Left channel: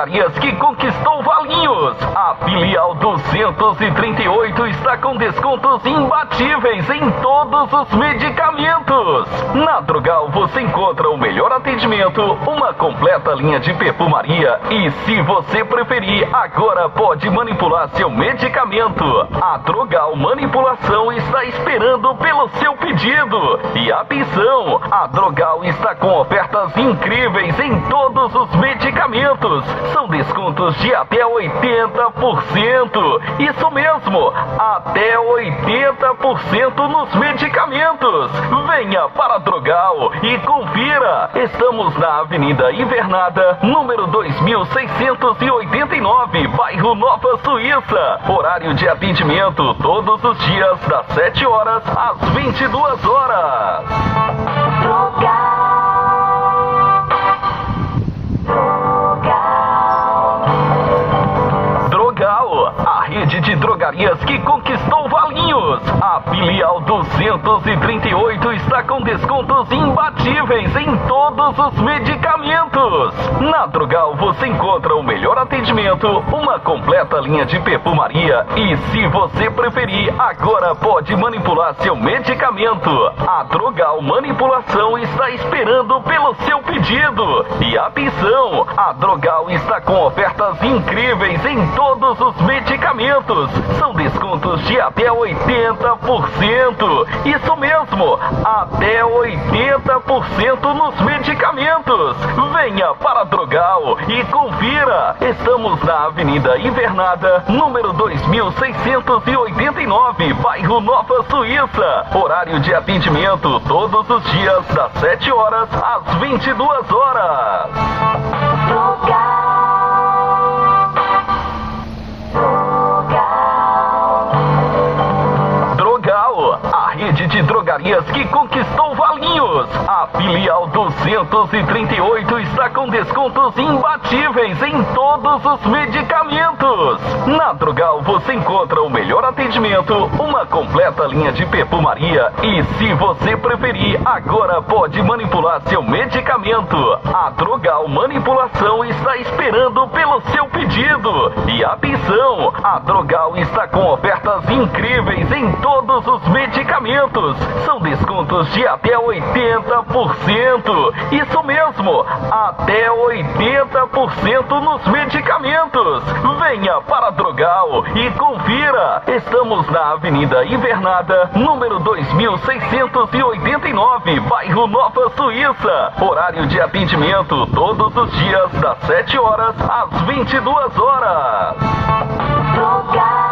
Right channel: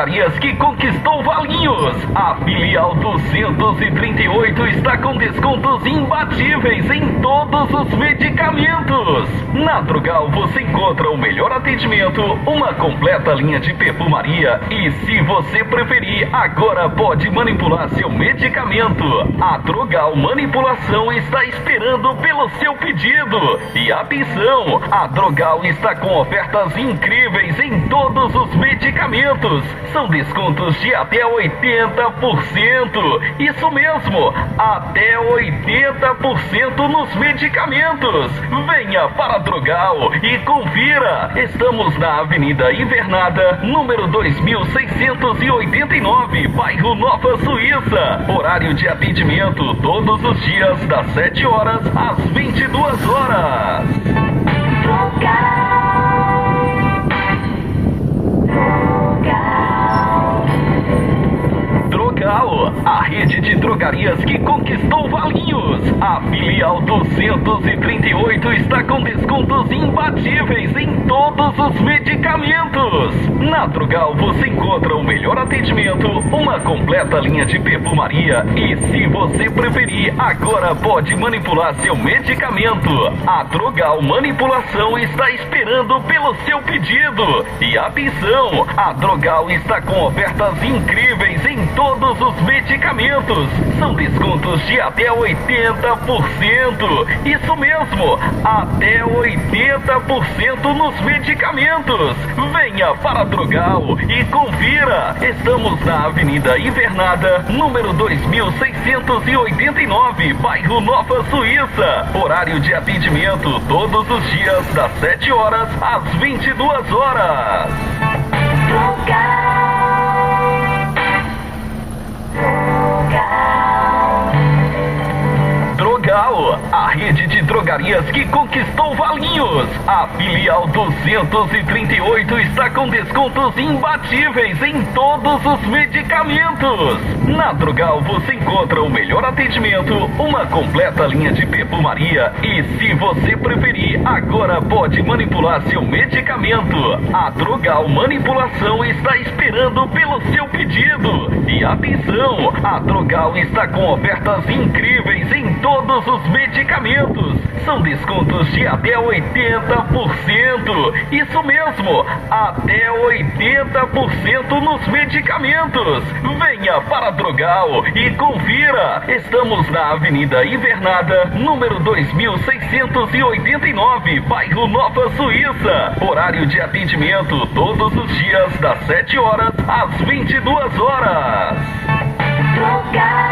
Drogarias que conquistou Valinhos. A filial 238 está com descontos imbatíveis em todos os medicamentos. Na Drogal você encontra o melhor atendimento, uma completa linha de perfumaria e, se você preferir, agora pode manipular seu medicamento. A Drogal Manipulação está esperando pelo seu pedido. E atenção, a Drogal está com ofertas incríveis em todos os medicamentos. São descontos de até 80%. Isso mesmo, até 80% nos medicamentos. Venha para a Drogal e confira. Estamos na Avenida Invernada, número 2689, bairro Nova Suíça. Horário de atendimento todos os dias das 7 horas às 22 horas. Drogal, a rede de drogarias que conquistou Valinhos. A filial 238 está com descontos imbatíveis em todos os medicamentos. Na Drogal você encontra o melhor atendimento, uma completa linha de perfumaria e, se você preferir, agora pode manipular seu medicamento. A Drogal Manipulação está esperando pelo seu pedido. E atenção, a Drogal está com ofertas incríveis em todos os medicamentos. São descontos de até 80%. Isso mesmo, até 80% nos medicamentos. Venha para a Drogal e confira. Estamos na Avenida Invernada, número 2689, bairro Nova Suíça. Horário de atendimento todos os dias das 7 horas às 22 horas. Drogal, a rede de drogarias que conquistou Valinhos. A filial 238 está com descontos imbatíveis em todos os medicamentos. Na Drogal você encontra o melhor atendimento, uma completa linha de perfumaria e, se você preferir, agora pode manipular seu medicamento. A Drogal Manipulação está esperando pelo seu pedido. E atenção, a Drogal está com ofertas incríveis em todos os medicamentos. São descontos de até 80%. Isso mesmo, até 80% nos medicamentos. Venha para a Drogal e confira. Estamos na Avenida Invernada, número 2689, bairro Nova Suíça. Horário de atendimento todos os dias das 7 horas às 22 horas. Drogal.